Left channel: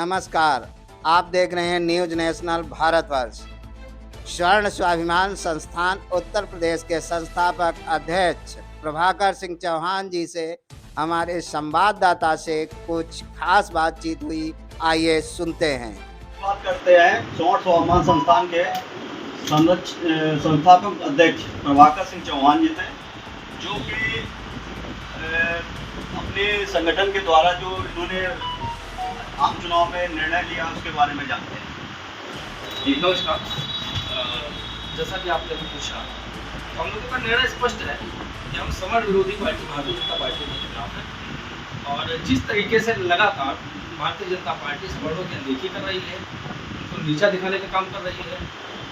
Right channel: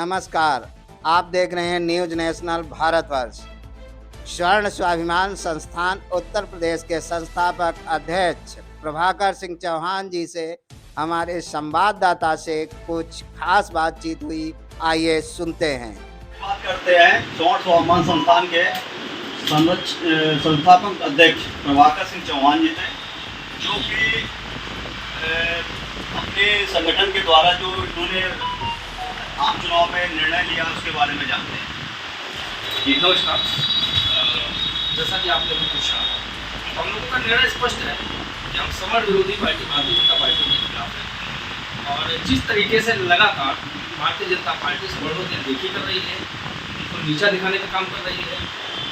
नमस्कार। आप देख रहे हैं न्यूज नेशनल भारतवर्ष। स्वर्ण स्वाभिमान संस्थान उत्तर प्रदेश के संस्थापक अध्यक्ष प्रभाकर सिंह चौहान जी से हमारे संवाददाता से कुछ खास बातचीत हुई। आइए सुनते हैं। बात करते हैं स्वर्ण स्वाभिमान संस्थान के संस्थापक अध्यक्ष प्रभाकर सिंह चौहान जी से, जो कि अपने संगठन के द्वारा जो इन्होंने आम चुनाव में निर्णय लिया उसके बारे में जानते हैं। जी नमस्कार। जैसा कि आपने अभी पूछा, हम लोगों का निर्णय स्पष्ट है कि हम समर विरोधी पार्टी भारतीय जनता पार्टी के खिलाफ हैं। और जिस तरीके से लगातार भारतीय जनता पार्टी सवर्णों की अनदेखी कर रही है, उनको नीचा दिखाने का काम कर रही है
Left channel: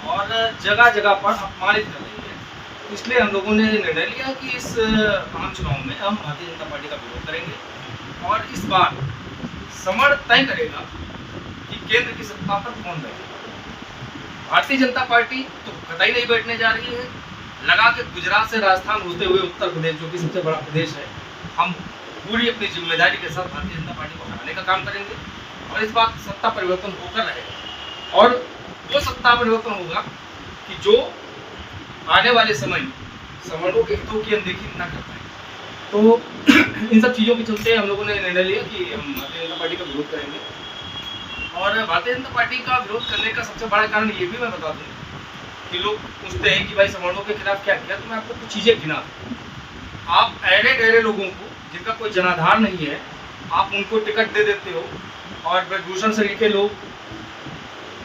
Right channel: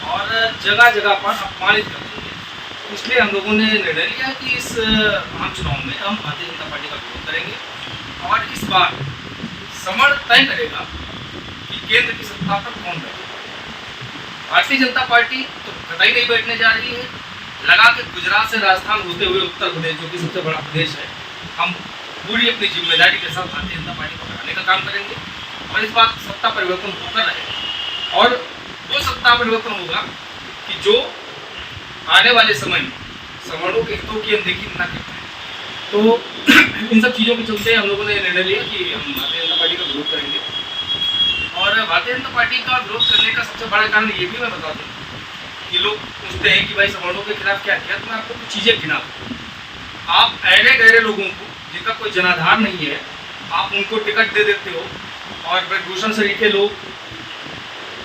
और जगह जगह पर अपमानित कर रही है, इसलिए हम लोगों ने निर्णय लिया कि इस आम चुनाव में हम भारतीय जनता पार्टी का विरोध करेंगे और इस बार समर तय करेगा कि केंद्र की सत्ता पर कौन है। भारतीय जनता पार्टी तो कतई नहीं बैठने जा रही है। लगा के गुजरात से राजस्थान होते हुए उत्तर प्रदेश, जो कि सबसे बड़ा प्रदेश है, हम पूरी अपनी जिम्मेदारी के साथ भारतीय जनता पार्टी को हराने का काम करेंगे और इस बार सत्ता परिवर्तन होकर रहेगा। और वो सत्ता परिवर्तन होगा कि जो आने वाले समय में सवर्णों के हितों की अनदेखी न कर पाए। तो इन सब चीज़ों के चलते हम लोगों ने निर्णय लिया कि हम भारतीय जनता पार्टी का विरोध करेंगे। और भारतीय जनता पार्टी का विरोध करने का सबसे बड़ा कारण ये भी मैं बता दूँ कि लोग पूछते हैं कि भाई सवर्णों के खिलाफ क्या किया, तो मैं आपको कुछ चीज़ें गिना दूँ। आप ऐरे गहरे लोगों को जिनका कोई जनाधार नहीं है, आप उनको टिकट दे देते हो और ब्रजभूषण शरीफ के लोग,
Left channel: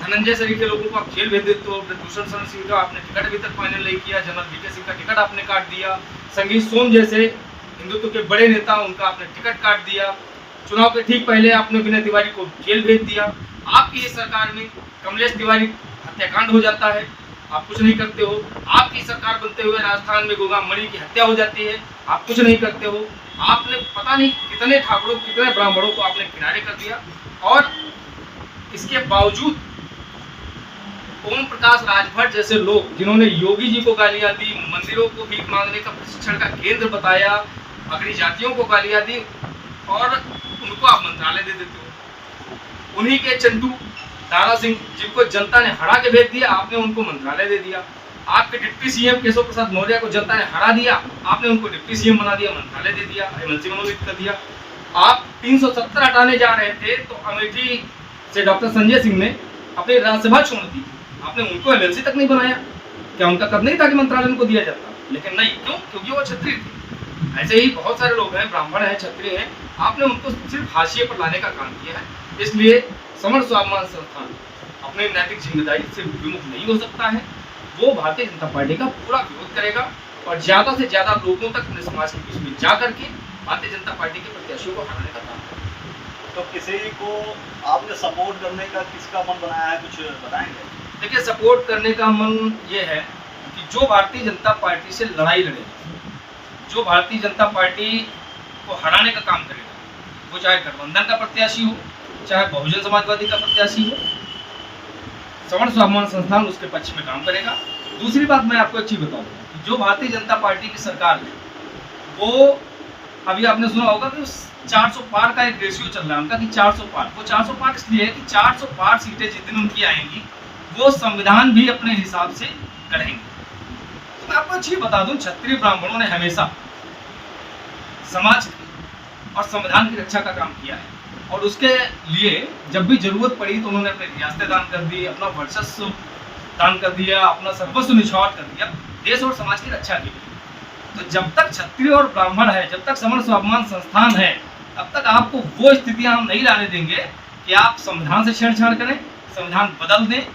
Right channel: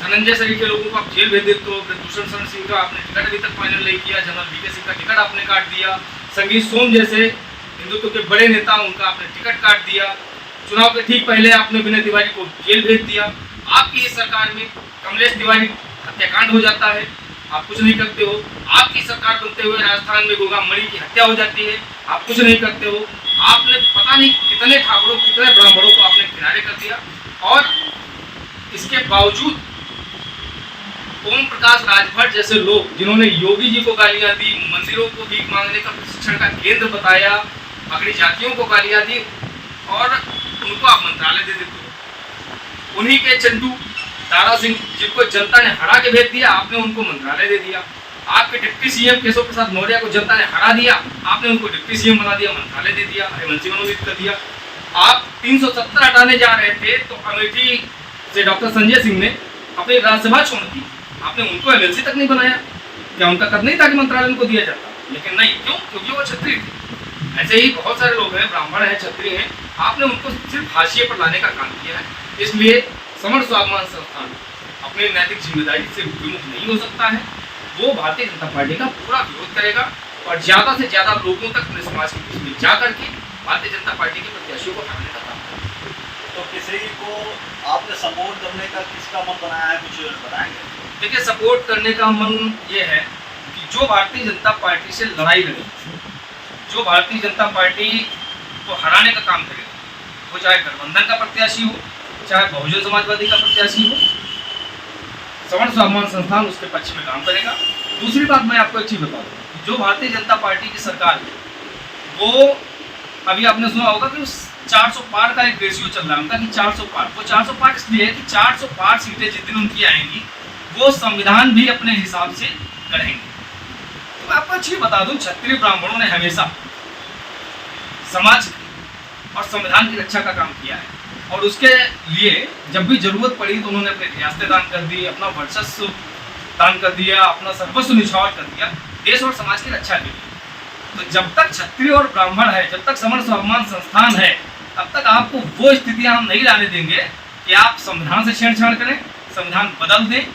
धनंजय शरीफ के लोगों को आप जेल भेज देते हो। ब्रजभूषण शरण सिंह का आपने टिकट अभी तक फाइनल नहीं किया, जनरल वीके सिंह का टिकट आपने काट दिया, संगीत सोम जैसे हिंदुत्व के बड़े नेता उनका आपने टिकट काट दिया, चुनाव के ठीक पहले आपने विनय तिवारी को जेल भेज दिया। आपकी इस सरकार में कमलेश तिवारी हत्याकांड हो जाता है, आप कुछ नहीं करते हो। आपकी सरकार बनते हुए राजस्थान में गोगा मणि की हत्या हो जाती है, आप कुछ नहीं करते हो। आपने पता नहीं कितने ठाकुरों, कितने ब्राह्मणों को आपने किनारे कर दिया। और इसके बावजूद ओम प्रकाश राजभर जैसे लोग, जिन्होंने योगी जी को गालियां दी, मंदिरों को भीख मांगने का प्रशिक्षण का केंद्र बताया, अगड़ी जातियों को गालियां दी और उनको आप मंत्रालय दे देते हो। उन्हीं के चंदू दारा सिंह, जिनको जनता ने हरा के भेज दिया, आपने उनको मंत्रालय दे दिया। आपके डिप्टी सीएम केशव प्रसाद मौर्य को जनता ने हरा दिया, आपने उनको डिप्टी सीएम बना दिया, मंत्रालय दे दिया, एमएलसी मनोनीत कर दिया। आप 370 हटाने जा रहे थे तो अमेठी से डॉक्टर संजय सिंह ने अपनी राज्यसभा छोड़ दी, आपने उनको एमएलसी तक नहीं बनाया। क्या उनका कर नहीं था कि मंत्रालय उनको दिया जाता? लेकिन नहीं, क्यों? क्योंकि वो क्षत्रिय थे। ऐसे ही बहुत सारे लोग हैं, ब्राह्मण हैं, क्षत्रिय हैं, आपने उनको सिर्फ हाशिए पर लाने का काम किया है। इसलिए समर स्वाभिमान संस्थान अपनी नैतिक जिम्मेदारी से विमुख नहीं हो सकता है। वो भारतीय जनता पार्टी का पूरा विरोध करेगा और ज़्यादा से ज़्यादा लोगों तक अपने समाज के बीच में जा करके भारतीय जनता पार्टी के प्रत्याशियों को हराने का काम करेगा। तो किसी को आपने सपोर्ट करने का किसका मन बनाया है, कुछ बताएंगे? देखिए, सपोर्ट करने का मन ये है कि जो भारतीय जनता पार्टी से लड़ाई लड़े, जो भारतीय जनता पार्टी को हराने का काम करेगा, वो चाहे गठबंधन का प्रत्याशी हो, चाहे बहुजन समाजवादी का प्रत्याशी हो, सवर्ण स्वाभिमान संस्थान उसके पक्ष में काम करेगा। दूसरी बात मैं आपको एक चीज बता दूं, जो भारतीय जनता पार्टी की सरकार है, वो अभी आपने सुना होगा कि 400 पार का एक रेशियो चल रहा है उनका कि 400 पार। वो 400 पार इसलिए है कि 400 पार सीटें जिस दिन उनकी आएंगी, वो संविधान भी अपने हिसाब से करेंगे। तो मैं आपको अच्छी बता दूं, क्षत्रिय ब्राह्मणों ने हमेशा समाज और संविधान की रक्षा का काम किया है और उसके लिए जब भी जरूरत पड़ी तो उन्होंने अपने रियासतें दान कर दी, अपना वर्चस्व दान कर दिया, अपना सर्वस्व निछावर कर दिया देश और समाज की रक्षा के लिए। तो जब तक क्षत्रिय और ब्राह्मण है, जब तक समर स्वाभिमान संस्थान है, तब तक आपको वो स्थितियां हम नहीं लाने देंगे कि आप संविधान से छेड़छाड़ करें, संविधान बदल दें,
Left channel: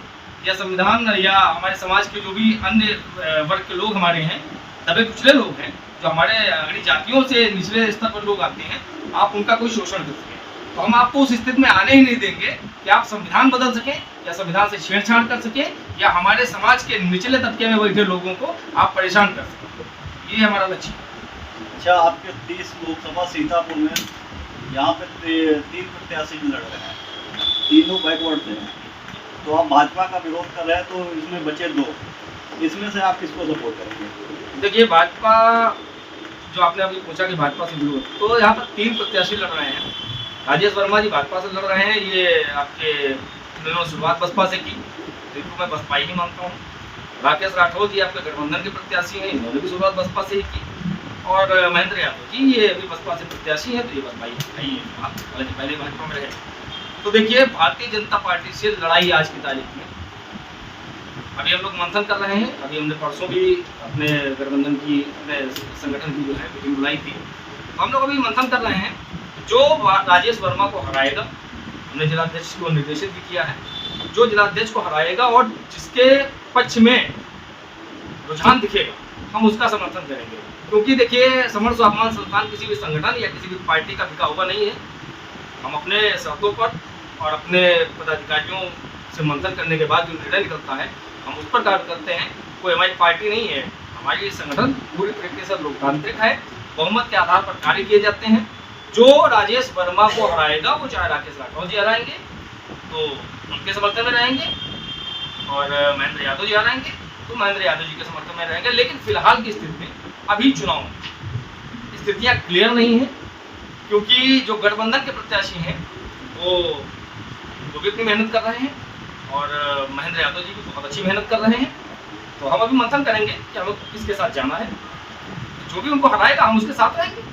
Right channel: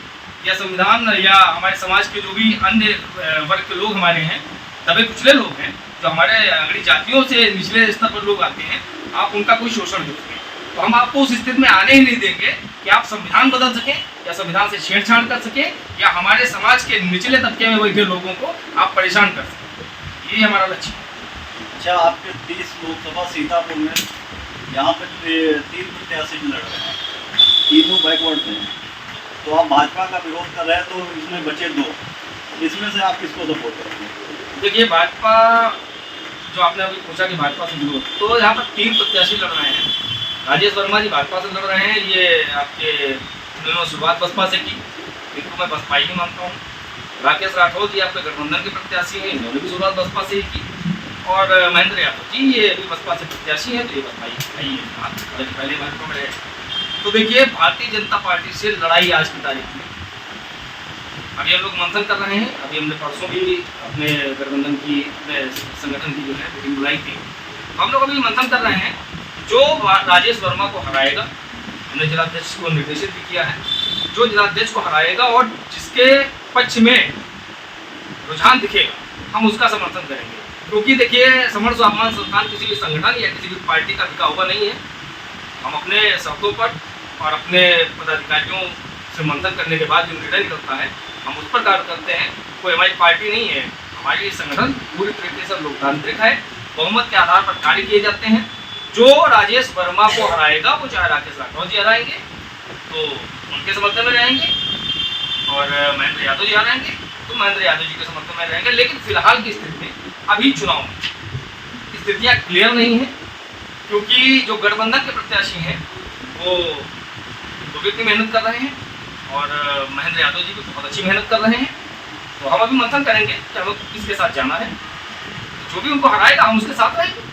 या संविधान या हमारे समाज के जो भी अन्य वर्ग के लोग हमारे हैं, दबे कुचले लोग हैं, जो हमारे अगड़ी जातियों से निचले स्तर पर लोग आते हैं, आप उनका कोई शोषण कर सकें। तो हम आपको उस स्थिति में आने ही नहीं देंगे कि आप संविधान बदल सकें या संविधान से छेड़छाड़ कर सकें या हमारे समाज के निचले तबके में बैठे लोगों को आप परेशान कर सकें। ये हमारा लक्ष्य है। अच्छा, आपके 30 लोकसभा सीतापुर में यहाँ पे 3 प्रत्याशी लड़ रहे हैं, तीनों बैकवर्ड से हैं। तो आप भाजपा का विरोध कर रहे हैं, तो इसमें बचे 2, इसमें से आप किसको सपोर्ट करेंगे? देखिए, भाजपा, जो आपने अभी पूछा कि भाजपा से विरोध, तो यहाँ पर 3 प्रत्याशी लड़ रहे हैं। राजेश वर्मा जी भाजपा से लड़ रहे हैं, ये आपके उन्होंने शुरुआत बसपा से की, इनको मैं बसपा ही मानता हूँ। राकेश राठौर जी आपके गठबंधन के प्रत्याशी हैं, इन्होंने भी शुरुआत बसपा से ही की। और महेंद्र यादव जी ये भी बसपा से प्रत्याशी हैं, तो ये बसपा ही है, पहले भाजपा में रहे। तो देखिए भारतीय जनता पार्टी से लड़ाई आज की तारीख में, अभी हम लोग मंथन कर रहे हैं। अभी हमने परसों भी अपने गठबंधन की, अपने संगठन की जो है मीटिंग बुलाई थी, हम लोग अभी मंथन कर रहे हैं। जो राजेश वर्मा को हराएगा, हमने जिलाध्यक्ष को निर्देशित भी किया है, जो जिलाध्यक्ष को हराएगा और जिसके पक्ष में रुझान दिखेगा हम उसका समर्थन करेंगे। क्योंकि देखिए समर स्वाभिमान संस्थान किसी भी संगठन या किसी भी पार्टी का बिका हुआ नहीं है। हम अपने शब्दों पर और अपने पदाधिकारियों से मंथन करने के बाद जो निर्णय निकलता है हम उस पर कार्य करते हैं। कोई हमारी पार्टी नहीं है, हमारी संगठन पूरी तरीके से लोकतांत्रिक है, बहुमत के आधार पर कार्य किए जाते हैं। जो राजेश वर्मा को हराएगा वो चाहे राकेश राठौर जी हराएंगे तो उनके समर्थन में रहेंगे, और महेंद्र यादव जी हराएंगे तो महेंद्र यादव जी के समर्थन में रहेंगे। लेकिन फिलहाल की स्थिति में अभी चुनाव में स्थितियाँ क्लियर नहीं है, क्योंकि जो गठबंधन के प्रत्याशी हैं वो भी इतनी मेहनत कर रहे हैं और महेंद्र यादव जी भी बहुत अच्छी मेहनत कर रहे हैं। तो हम अभी मंथन करेंगे कि हमें किसके साथ जाना है, जो भी उनको हराएगा हम उसके साथ रहेंगे।